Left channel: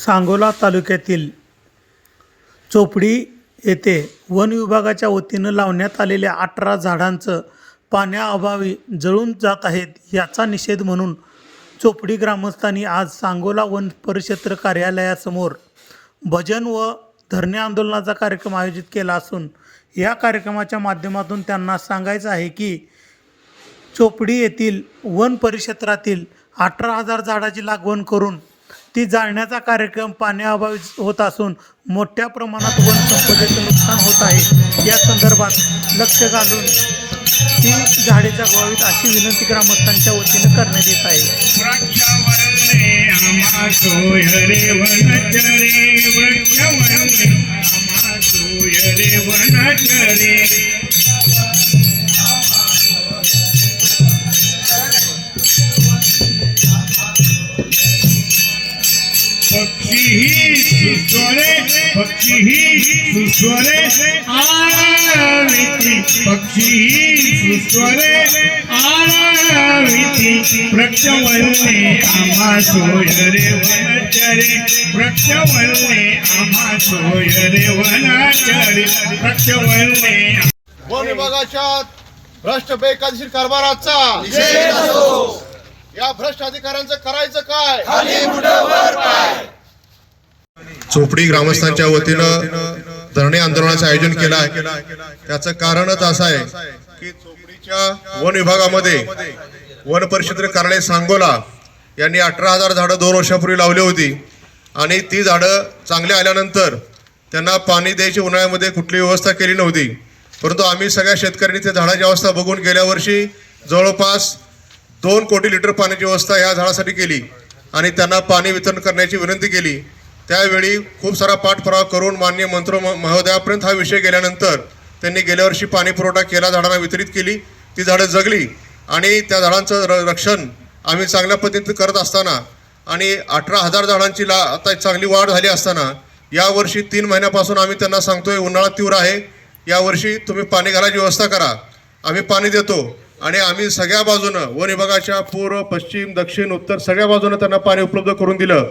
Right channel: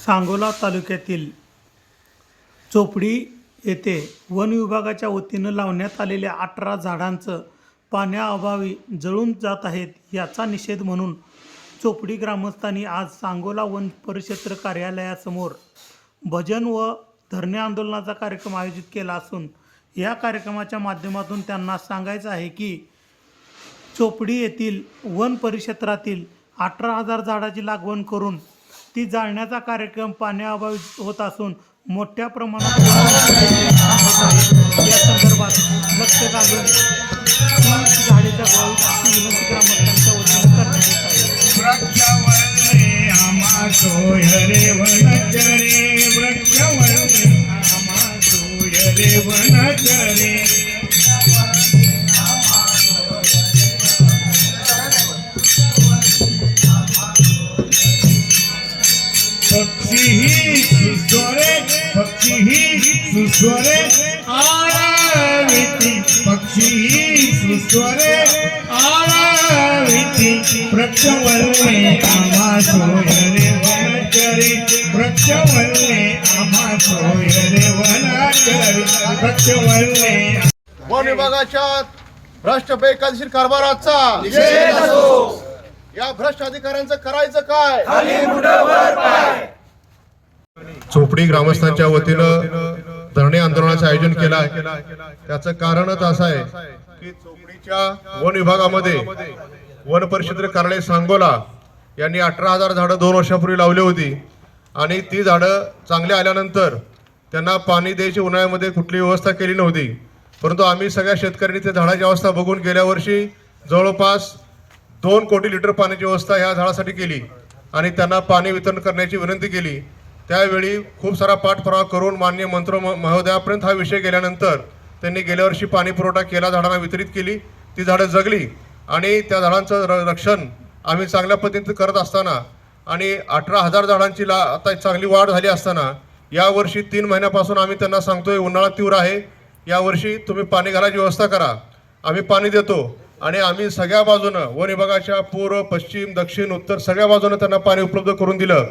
सांगोला तालुक्यातील चोपडी येथे वन विभागाच्या वतीनं लावण्यात आलेल्या 18 झाडांचं पाण्याअभावी जळून जात आहेत याचा निषेध म्हणून चोपडी ग्रामस्थांनी आज सांगोला वन परिक्षेत्र कार्यालयासमोर भजन व धरणे आंदोलनाचा कार्यक्रम आयोजित केला असून या कार्यक्रमाच्या माध्यमातून त्यांना सांगायचं आहे की चोपडी येथील वन परिक्षेत्रातील 18,000 झाडाची लागवड करून ती जाळण्याचा कार्यक्रम पाण्याअभावी होत असून मोठ्या प्रमाणात वन संपदेचे नुकसान होत आहे। या संदर्भात लक्ष घालून ती झाडे जगवावीत अशी विनंती ग्रामस्थांच्या वतीनं करण्यात येत आहे। पक्षी सुस्वरे आराविति वृक्षवल्ले आमा सोयरे वनचरे वृक्षवल्ले आमा सोयरे वनचरे वृक्षवल्ले। वन विभागाच्या भ्रष्ट बेकायदेशीर कारभाराचा या भ्रष्ट अधिकाऱ्यांचं करायचं काय? चोपडी ग्रामस्थांच्या वतीनं धरणे आंदोलनाचं आयोजन केलं आहे। त्याचं कारणच असं आहे की चोपडीच्या वन विभागामध्ये वन परिक्षेत्र कार्यालय सांगोला यांनी 18,000 झाडं 2 वर्षापूर्वी लावली होती आणि ती झाडं चांगली आल्यानंतर त्यांना पाणी द्यायची उन्हाळ्यामध्ये कुठली व्यवस्था केली नव्हती। परंतु आम्ही सगळ्या शेतकऱ्यांनी त्या झाडाची अवस्था बघून गेल्या वर्षी जवळपास 2 कोटी लिटर पाण्याची व्यवस्था ह्या झाडासाठी केली आणि त्यांना पाणी वितरण करण्याची विनंती केली। त्यावेळी खूप सारा पाठपुरावा करून माननीय मंत्री महोदयापर्यंत हा विषय गेल्यानंतर त्यांनी गेल्या वर्षी पाणी पुरवठा केला, झाडांना वितरित केली, ती झाडं जगली आणि त्या झाडांचं रक्षण आम्ही चांगल्या पद्धतीने करत असताना आणि 18,000 झाडांची आता चांगली वाढ झाली असताना यावर्षी 3 महिन्यापासून आम्ही त्यांना सांगतोय उन्हाळा तीव्र आहे, यावर्षी तुम्ही पाणी घालायची व्यवस्था करा, आम्ही पाणी देतो आणि आम्ही सगळ्या बाजूनं वन विभागाच्या पूर्व पश्चिम दक्षिण उत्तर सगळ्या बाजूनं त्यांना पाणी उपलब्ध करून दिलं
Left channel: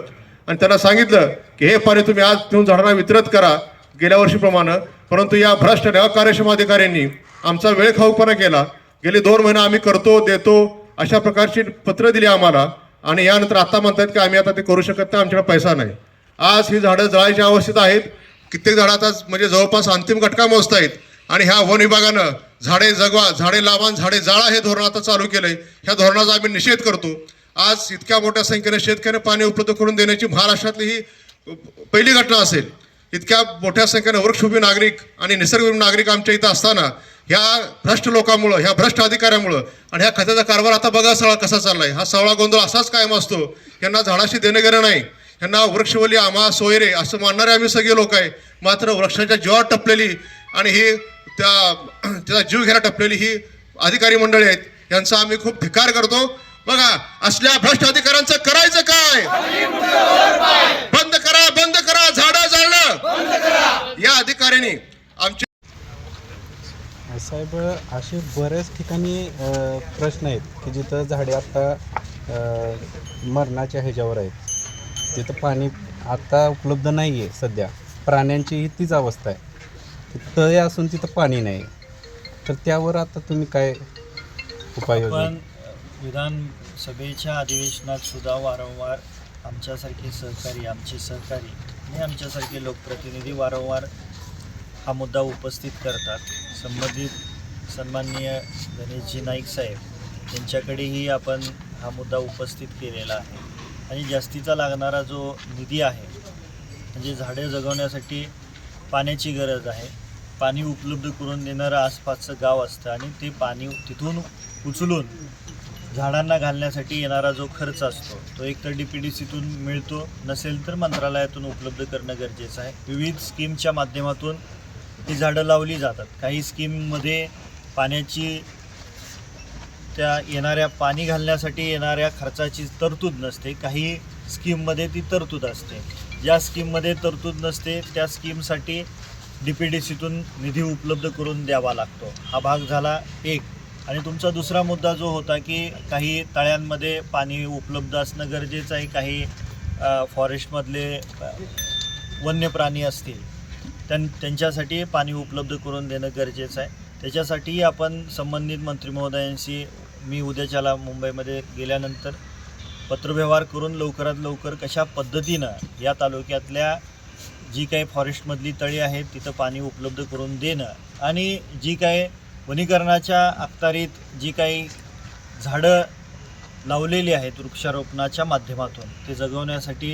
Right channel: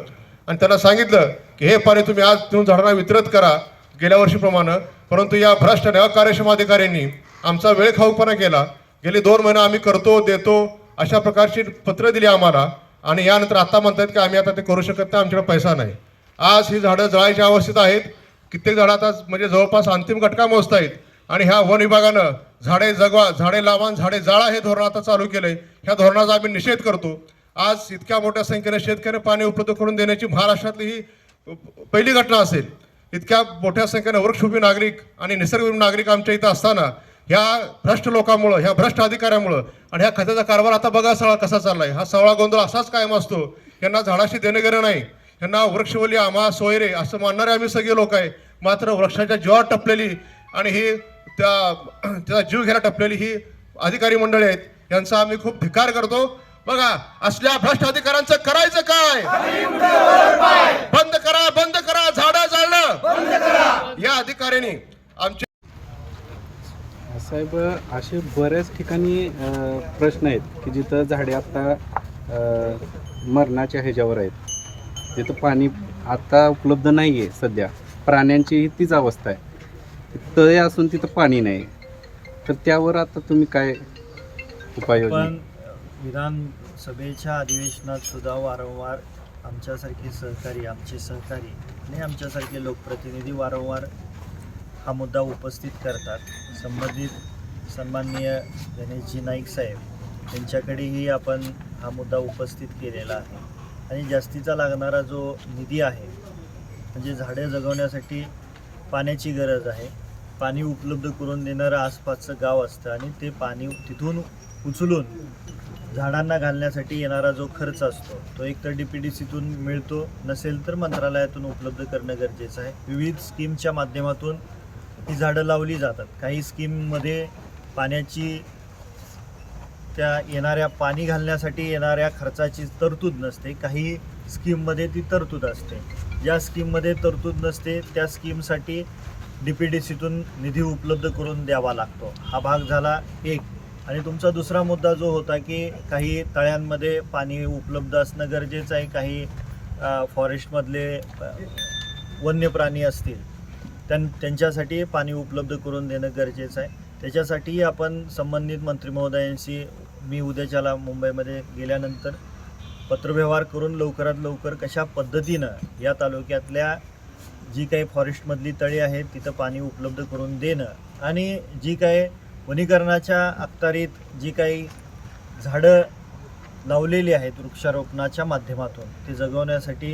आणि त्यांना सांगितलं की हे पाणी तुम्ही आज घेऊन झाडांना वितरित करा गेल्या वर्षीप्रमाणे। परंतु या भ्रष्ट अकार्यक्षम अधिकाऱ्यांनी आमचा वेळ खाऊपणा केला। गेले 2 महिने आम्ही करतो देतो अशा प्रकारची पत्र दिली आम्हाला आणि यानंतर आता म्हणतात की आम्ही आता ते करू शकत नाही, आमच्याकडे पैसा नाही। आज ही झाडं जळायची अवस्थेत आहेत, कित्येक झाडं आता म्हणजे जवळपास अंतिम घटका मोजत आहेत आणि ह्या वन विभागानं झाडे जगवा झाडे लावा झाडे जाळा हे धोरण आता चालू केलंय। ह्या धोरणाचा आम्ही निषेध करतो। आज इतक्या मोठ्या संख्येने शेतकऱ्यांना पाणी उपलब्ध करून देण्याची महाराष्ट्रातली ही पहिली घटना असेल। इतक्या मोठ्या संख्येने वृक्षप्रेमी नागरिक आणि निसर्गप्रेमी नागरिक आमच्या इथं असताना ह्या भ्रष्ट लोकांमुळं ह्या भ्रष्ट अधिकाऱ्यामुळं आणि ह्या खताचा कारभार आता बघा सगळा कसा चाललाय। हा सगळा गोंधळ असाच कायम असतो। यांना झाडाशी देणं घेणं नाही, यांना वृक्षवल्ली आम्हा सोयरे असं मानणारे आम्ही सगळे लोक आहे, मात्र वृक्षाच्या जीवावर टपलेली आणि ही त्याचा जीव घ्यायला टपलेली ही अधिकारी मंडळी आहेत, यांचा आम्ही खूप धिक्कार करतो। बघा असल्या भ्रष्ट अधिकाऱ्यांचं करायचं काय? बंद करा झाडं जाळणं। या अधिकाऱ्यांनी आमच्या साहेब असे बऱ्याच ठिकाणी प्रश्न आहेत की जिथं झाडे आता मरणाच्या ह्याच्यावर आहेत, तिथं पाणी आता उपलब्ध नाही आहे सध्या। प्राण्यांचीही तीच अवस्था आहे, तळे असून तिथं पाणी नाही, तर त्यावर आता तुम्ही काय उपाययोजना? विधानसभेच्या अधिवेशनात सुद्धा वारंवार आमचे सहकारी आणि आमच्यासारखे लोकप्रतिनिधी वारंवार हा मुद्दा उपस्थित करतात। संबंधित सन्माननीय गणेशजी नाईक साहेब यांच्याकडेही आपण हा मुद्दा उपस्थित केलेला आहे आणि जास्तीचा लागणारा जो निधी आहे म्हणजे झाडे जगवण्यासाठी पाण्याची गरज आहे, पाणी उपलब्ध करून देणारं आसपासचं गाव असतं आणि ते पाणी तिथून उचलून झाडांना घालण्यासाठी येणारा जो खर्च असतो तो एकतर DPDCतून मिळतो, नसेल तर मंत्रालयातून उपलब्ध करणं गरजेचं आहे। विविध स्कीमच्या माध्यमातून ही झाडं लावली जातात। काही स्कीममध्ये पाण्याची त्या येणाऱ्या पाणी घालण्यासाठी येणाऱ्या खर्चाची तरतूद नसते, काही स्कीममध्ये ती तरतूद असते। ज्या स्कीममध्ये तरतूद नसते त्या स्कीमसाठी DPDCतून निधी उपलब्ध करून द्यावा लागतो। हा भाग झाला एक। आणि तुमचा दुसरा मुद्दा जो होता की काही तळ्यांमध्ये पाणी उपलब्ध असणं गरजेचं आहे, काही फॉरेस्टमधले वन्य प्राणी असतील त्यांच्यासाठी पाणी उपलब्ध करून देणं गरजेचं आहे. त्याच्यासाठी आपण संबंधित मंत्री महोदयांशी मी उद्याच्याला मुंबईमध्ये गेल्यानंतर पत्रव्यवहार करून लवकरात लवकर कशा पद्धतीनं या तालुक्यातल्या जी काही फॉरेस्टमधली तळी आहेत तिथं पाणी उपलब्ध करून देणं आणि जी काही वनीकरणाच्या अखत्यारीत जी काही झाडं लावलेली आहेत वृक्षारोपणाच्या माध्यमातून ते जगवण्यासाठी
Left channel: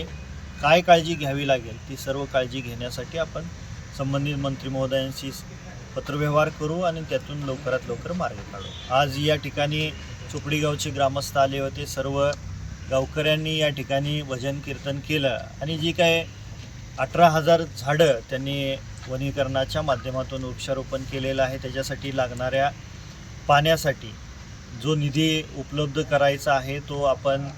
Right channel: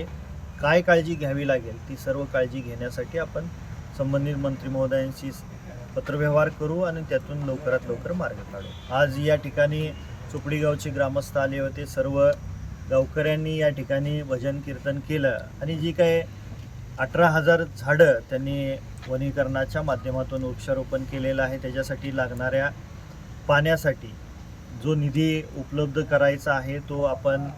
काय काळजी घ्यावी लागेल ती सर्व काळजी घेण्यासाठी आपण संबंधित मंत्री महोदयांशी पत्रव्यवहार करू आणि त्यातून लवकरात लवकर मार्ग काढू. आज या ठिकाणी चोपडी गावचे ग्रामस्थ आले होते. सर्व गावकऱ्यांनी या ठिकाणी भजन कीर्तन केलं आणि जी काय 18,000 झाडं त्यांनी वनीकरणाच्या माध्यमातून वृक्षारोपण केलेलं आहे. त्याच्यासाठी लागणाऱ्या पाण्यासाठी जो निधी उपलब्ध करायचा आहे तो आपण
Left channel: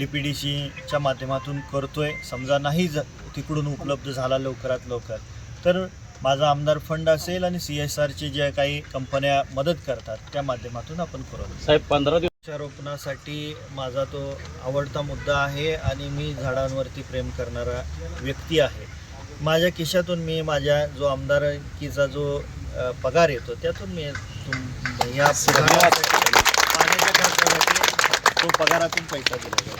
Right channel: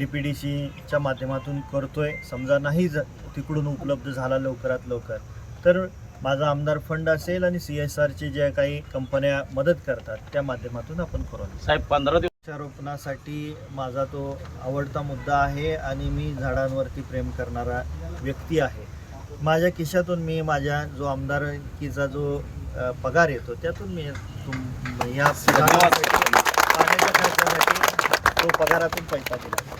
DPDCच्या माध्यमातून करतोय. समजा नाही तिकडून उपलब्ध झाला लवकरात लवकर तर माझा आमदार फंड असेल आणि CSRचे ज्या काही कंपन्या मदत करतात त्या माध्यमातून आपण करू. साहेब 15 वृक्षारोपणासाठी माझा तो आवडता मुद्दा आहे आणि मी झाडांवरती प्रेम करणारा व्यक्ती आहे. माझ्या खिशातून मी माझ्या जो आमदारकीचा जो पगार येतो त्यातून मी ह्या पाण्याच्या खर्चासाठी तो पगारातून पैसा दिला.